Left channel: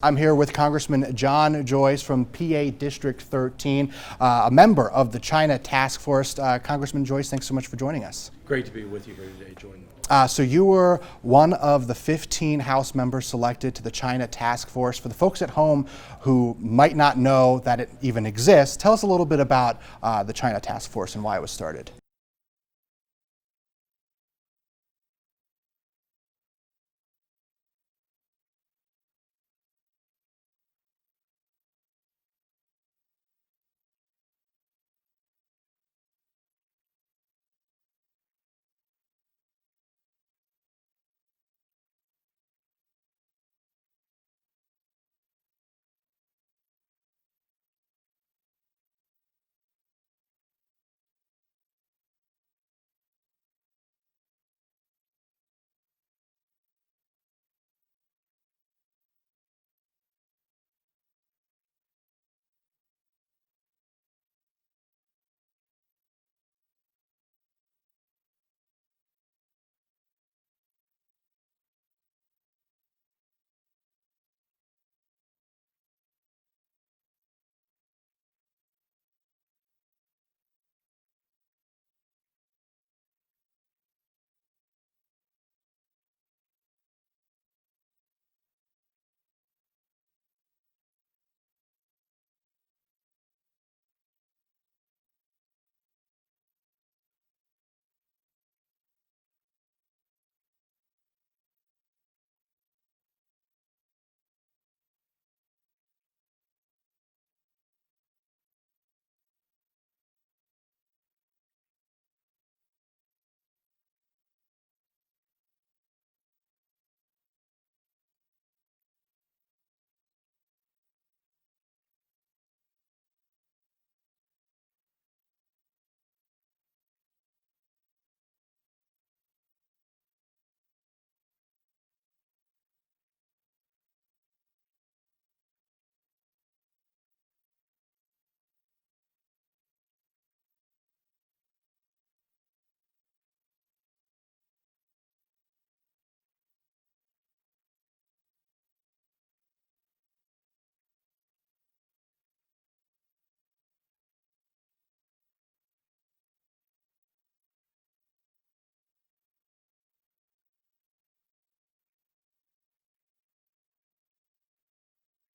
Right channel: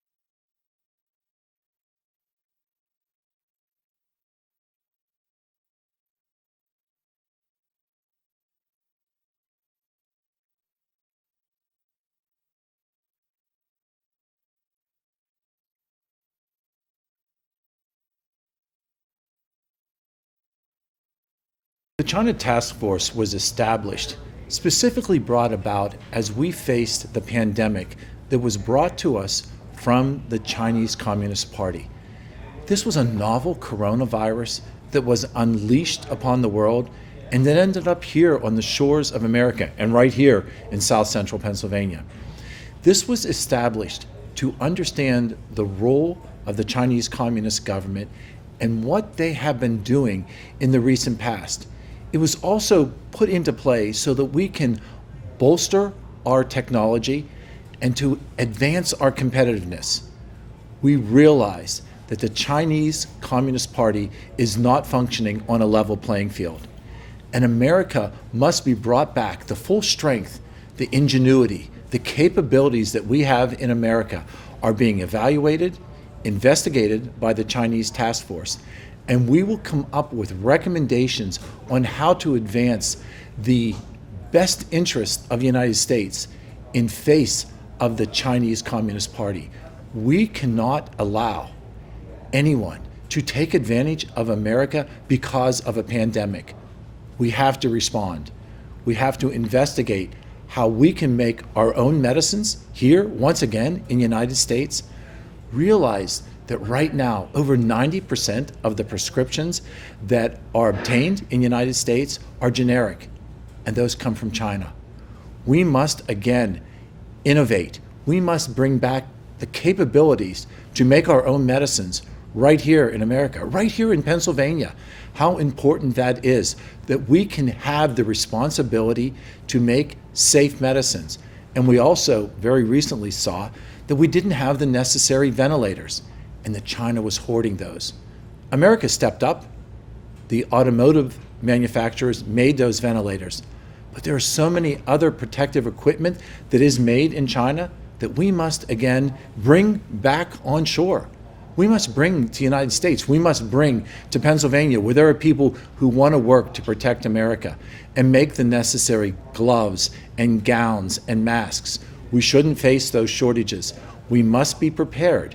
I'm here with Congressman John Joyce from PA District 13, a member of the China Task Force. Congressman Joyce, thanks so much for joining us. Great to be with you here today, Jordan. So you were one of the 15 House members selected to the China Task Force. For the folks at home who might not know that it even exists, tell us a little bit about the China Task Force and why it was started. The China Task Force was established, specifically brought about as we faced the pandemic that was brought to us from the Chinese Communist Party. This was a novel coronavirus that was unleashed upon the world and that ended up here on the shores of America and right here in South Central Pennsylvania. This was established to understand the role of the Chinese Communist government and what they have been doing in the recent past. It was also put into play so that we can bolster our technology and to advance our competitiveness. We realize that the Chinese Communist Party is not functioning on a level playing field. And America must be brought back. The full strength, the ingenuity, the capabilities that we have in America are being evaluated, investigated by the Chinese Task Force. And we will come up with recommendations on how to advance the best interest of the United States in face of the Chinese Communist Party. We cannot allow anyone to take advantage of America because of a pandemic. We have to respond. We have to investigate how we can make our own medicines here, once again, in the United States. Realize that right now, over 90% of the prescriptions that are obtained in the United States are generic, and those come from China. We must, again, innovate. We must bring back the capabilities to make our own medicines right here in America, right here in Pennsylvania. How important that is, that we can have the responsibility to make safe medicines. And we also very recently saw that we didn't have the necessary ventilators and that China was hoarding those. America stepped up. The automotive manufacturers made those ventilators. But there are so many other protective equipment that is made in China that we must, again, bring back on shore. We must bring to the United States. We must bring to Pennsylvania, where there are people who want to work to protect America and make the necessary gloves and gowns and masks. We shouldn't face those shortages. We must be prepared.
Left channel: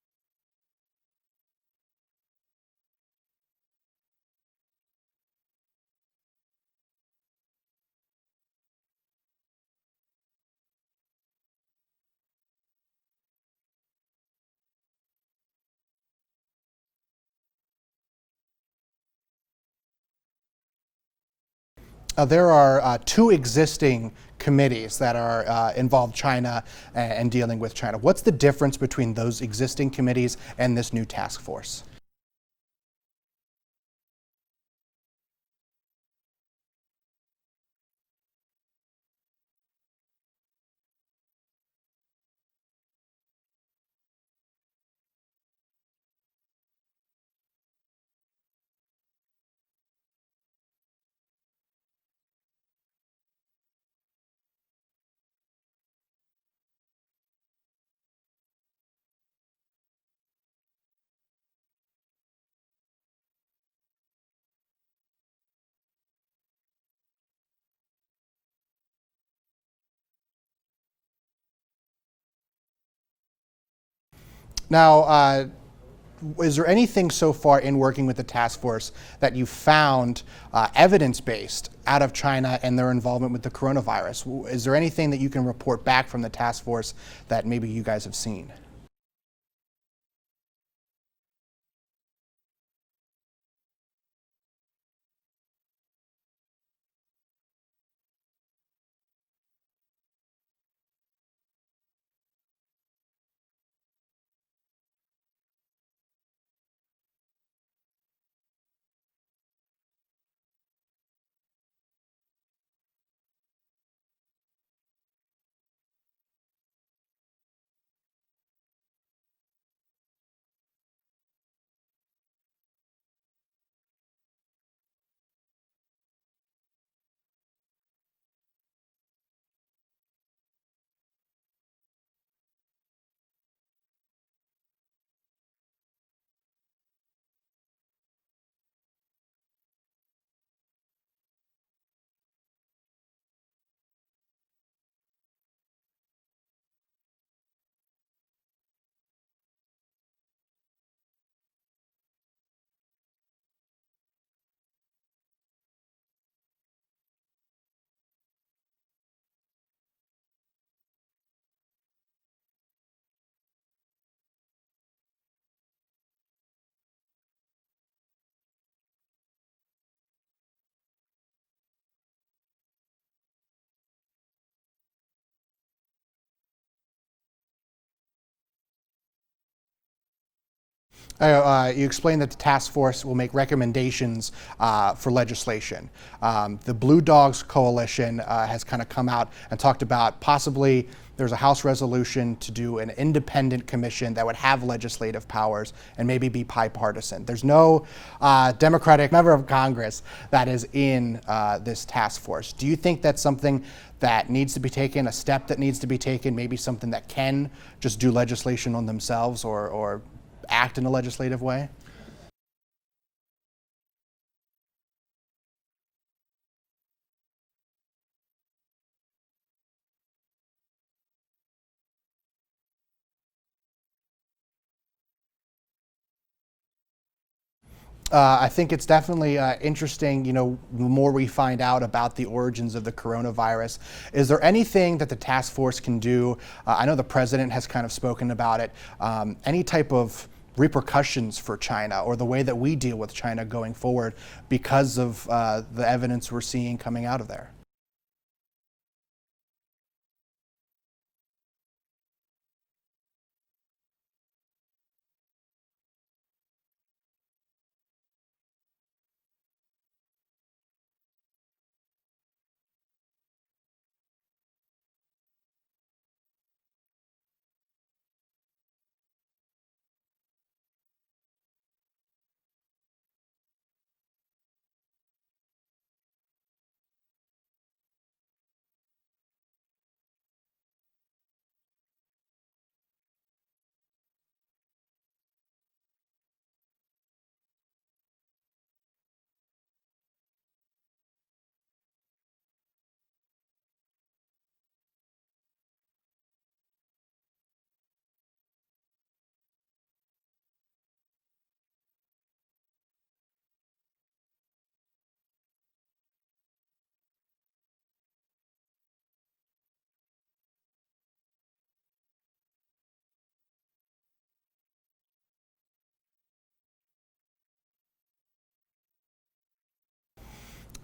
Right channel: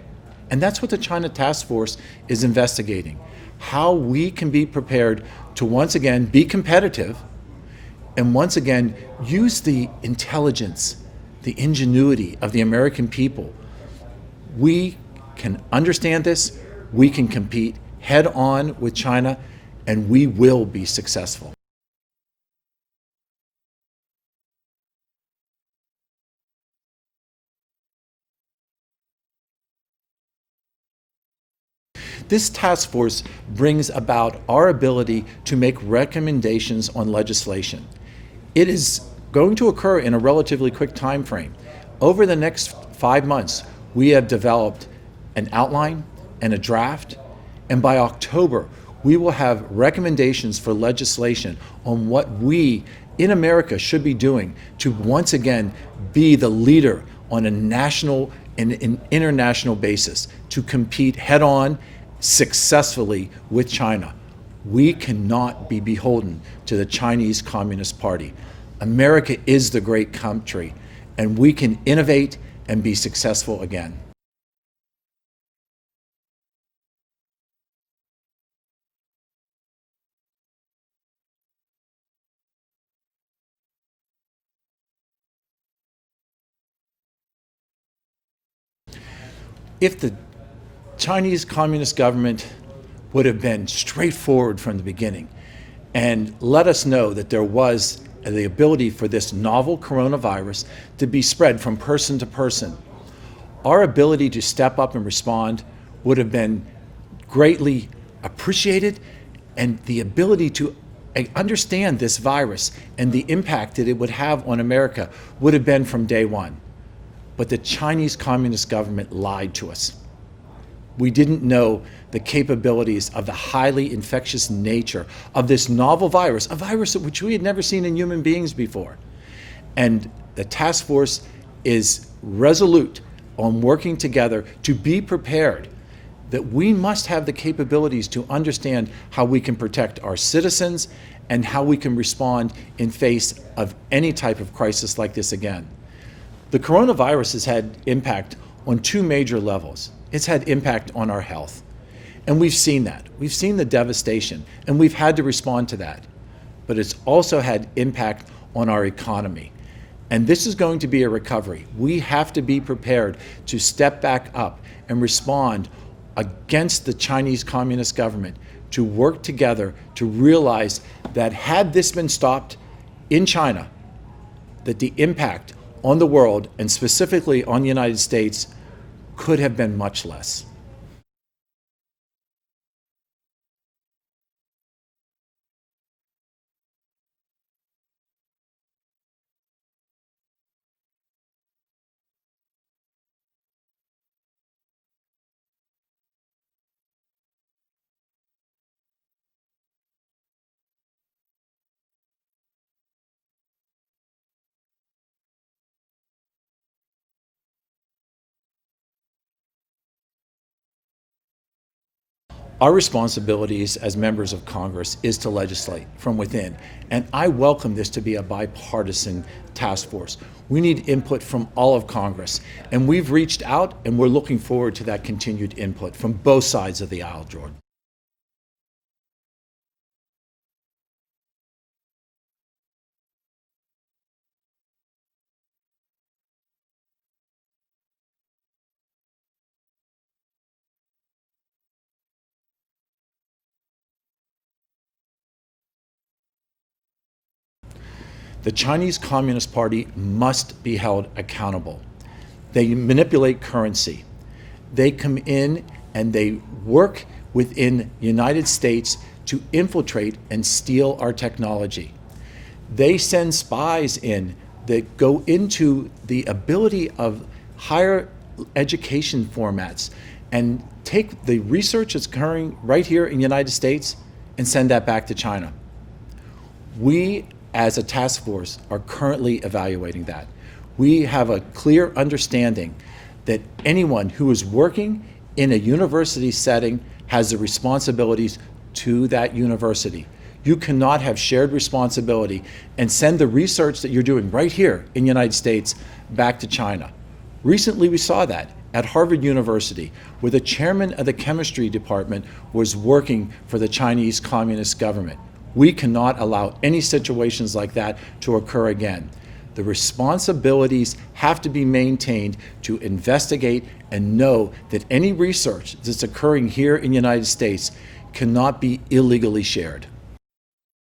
And that's what the China Task Force is investigating. How we can be prepared to once again be competitive and once again use the intelligence, the ingenuity of the American people. We can understand this, we can compete head on with China, and we will be successful. There are two existing committees that are involved China and dealing with China. What's the difference between those existing committees and this new task force? This task force brings about our ability to make recommendations on legislation. It is going to occur in a relatively quick time frame. Over the next 5 months, we have developed an outline and a draft, and by October, we will have recommendations for legislation on what we in America should be doing to once again be the leader on a national and an international basis to compete head-on successfully with China. We cannot be beholden to the Chinese Communist Party. America is the great country, and we can innovate and be successful again. Now, is there anything so far in working with the task force that you found evidence-based out of China and their involvement with the coronavirus? Is there anything that you can report back from the task force that maybe you guys have seen? If the Chinese Communist government would have been straightforward from the beginning and let us know that there was the ability for this novel coronavirus to be spread from person to person, our ability to step up and respond would have been greatly appreciated, and the ability to understand this virus and the impact that it would have on America would have been from day one. But the Chinese Communist government lied to us. We didn't know the capabilities of the highly infectious nature of this novel virus, a virus which we had never seen in human beings before. And the task force is resolute on working together to be prepared, that we must have the capabilities to understand how we can protect our citizens and how we can respond in face of any type of crisis like this again. The coronavirus has had impact on two major levels. It's had impact on our health. And we've seen that. We've seen the devastation, and we've had to respond to that. But it's also had impact on our economy. And this is going to be a recovery. We have to be prepared to step back up and respond against the Chinese Communist government, to work together to realize that had this been stopped in China, that the impact on the world, and specifically on the United States, could have been much less. You explained that the task force will make recommendations for legislation. The Blue Dogs Coalition has kind of come out and talked about possibly there's a House resolution to do an independent commission that would have legislative powers and maybe be bipartisan. There's no Democratic member of Congress that is in this task force. Do you think that's something that needs to be taken, a step that needs to be taken, maybe something that can just do legislation on themselves or act in a legislative way? Our responsibilities as members of Congress is to legislate from within, and I welcome this to be a bipartisan task force. We need input from all of Congress, and we've reached out, and we're looking forward to that continued input from both sides of the aisle, Jordan. I think it's definitely interesting, the more we find out about the origins of the coronavirus. Is there anything that the task force can do? I know the president has kind of spoken about it. Any type of repercussions for China or the way that we deal with China going forward because of the evidence we're seeing coming out of there? The Chinese Communist Party must be held accountable. They manipulate currency. They come in and they work within the United States to infiltrate and steal our technology. They send spies in that go into the ability of higher education formats and take the research that's occurring right here in the United States and send that back to China. We, as a task force, are currently evaluating that. We have a clear understanding that anyone who is working in a university setting has the responsibilities to that university. You cannot have shared responsibility and send the research that you're doing right here in the United States back to China. Recently, we saw that at Harvard University, where the chairman of the chemistry department was working for the Chinese Communist government. We cannot allow any situations like that to occur again. The responsibilities have to be maintained to investigate and know that any research that's occurring here in the United States cannot be illegally shared.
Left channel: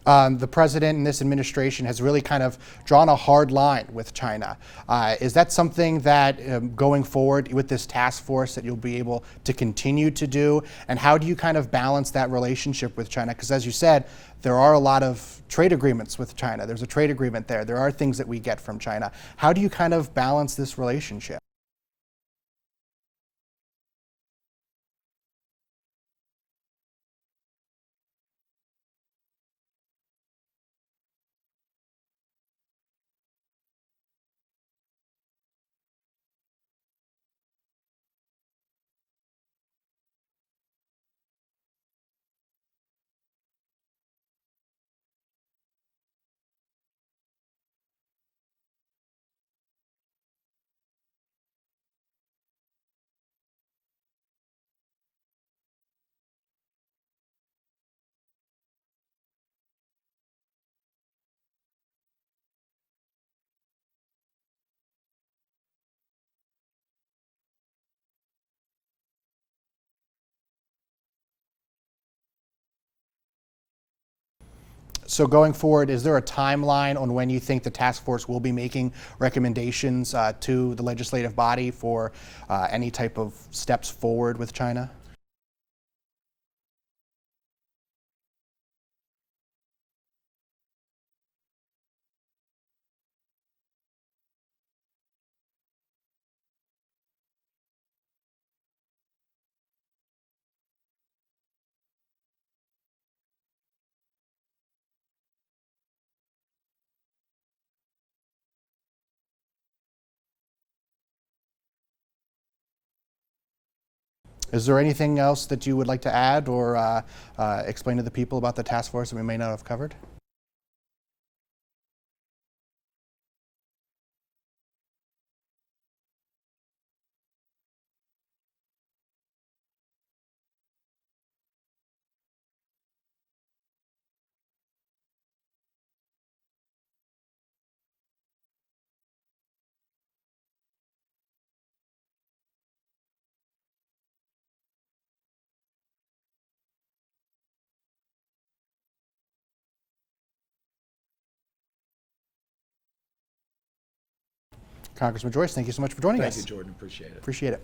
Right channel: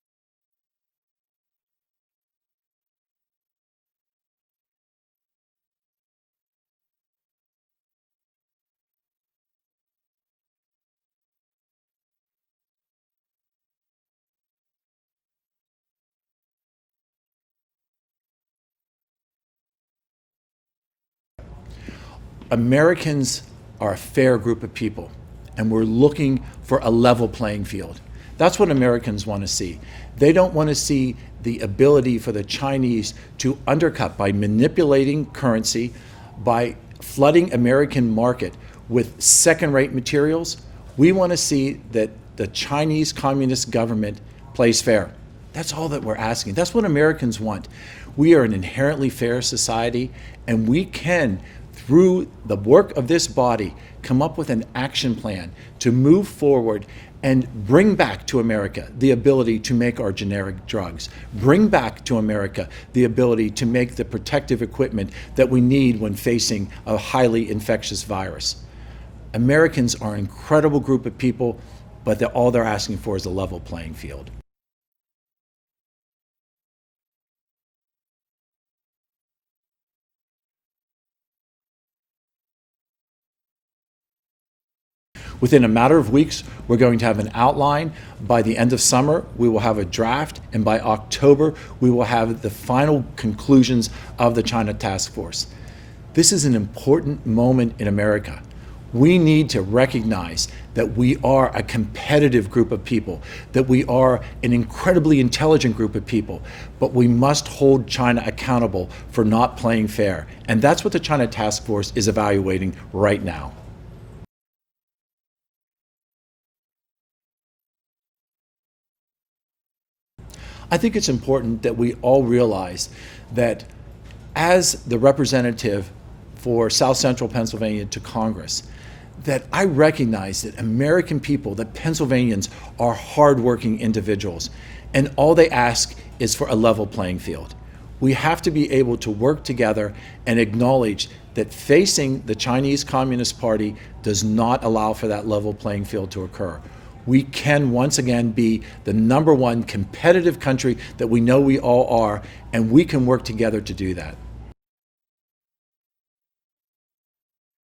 The president and this administration has really kind of drawn a hard line with China. Is that something that going forward with this task force that you'll be able to continue to do? And how do you kind of balance that relationship with China? Because as you said, there are a lot of trade agreements with China. There's a trade agreement there. There are things that we get from China. How do you kind of balance this relationship? Americans are a fair group of people, and we're looking for a level playing field. That's what Americans want to see. They don't want to see the ability for the Chinese to undercut by manipulating currency, by flooding American market with second-rate materials. We want to see that the Chinese Communist government plays fair. That's all that we're asking. That's what Americans want. We are an inherently fair society, and we can, through the work of this body, come up with an action plan to move forward and bring back to America the ability to make our generic drugs, bring back to America the ability to make the protective equipment that we need when facing a highly infectious virus. Americans are an incredible group of people, but all they're asking for is a level playing field. So going forward, is there a timeline on when you think the task force will be making recommendations to the legislative body for any type of steps forward with China? Within a matter of weeks, we're going to have an outline. By the end of summer, we will have a draft, and by October, we will have the final conclusions of the China Task Force. This is an important moment in America. We need to recognize that we are a competitive group of people, that we are an incredibly intelligent group of people, but we must hold China accountable for not playing fair. And that's what the China Task Force is evaluating right now. Is there anything else that you would like to add or explain to the people about the task force that we may not have covered? I think it's important that we all realize that as the representative for South Central Pennsylvania to Congress, that I recognize that American people, that Pennsylvanians are hardworking individuals, and all they ask is for a level playing field. We have to be able to work together and acknowledge that facing the Chinese Communist Party does not allow for that level playing field to occur. We can once again be the #1 competitive country that we know we all are, and we can work together to do that. Congressman Joyce, thank you so much for joining us. Thank you, Jordan. Appreciate it. Appreciate it.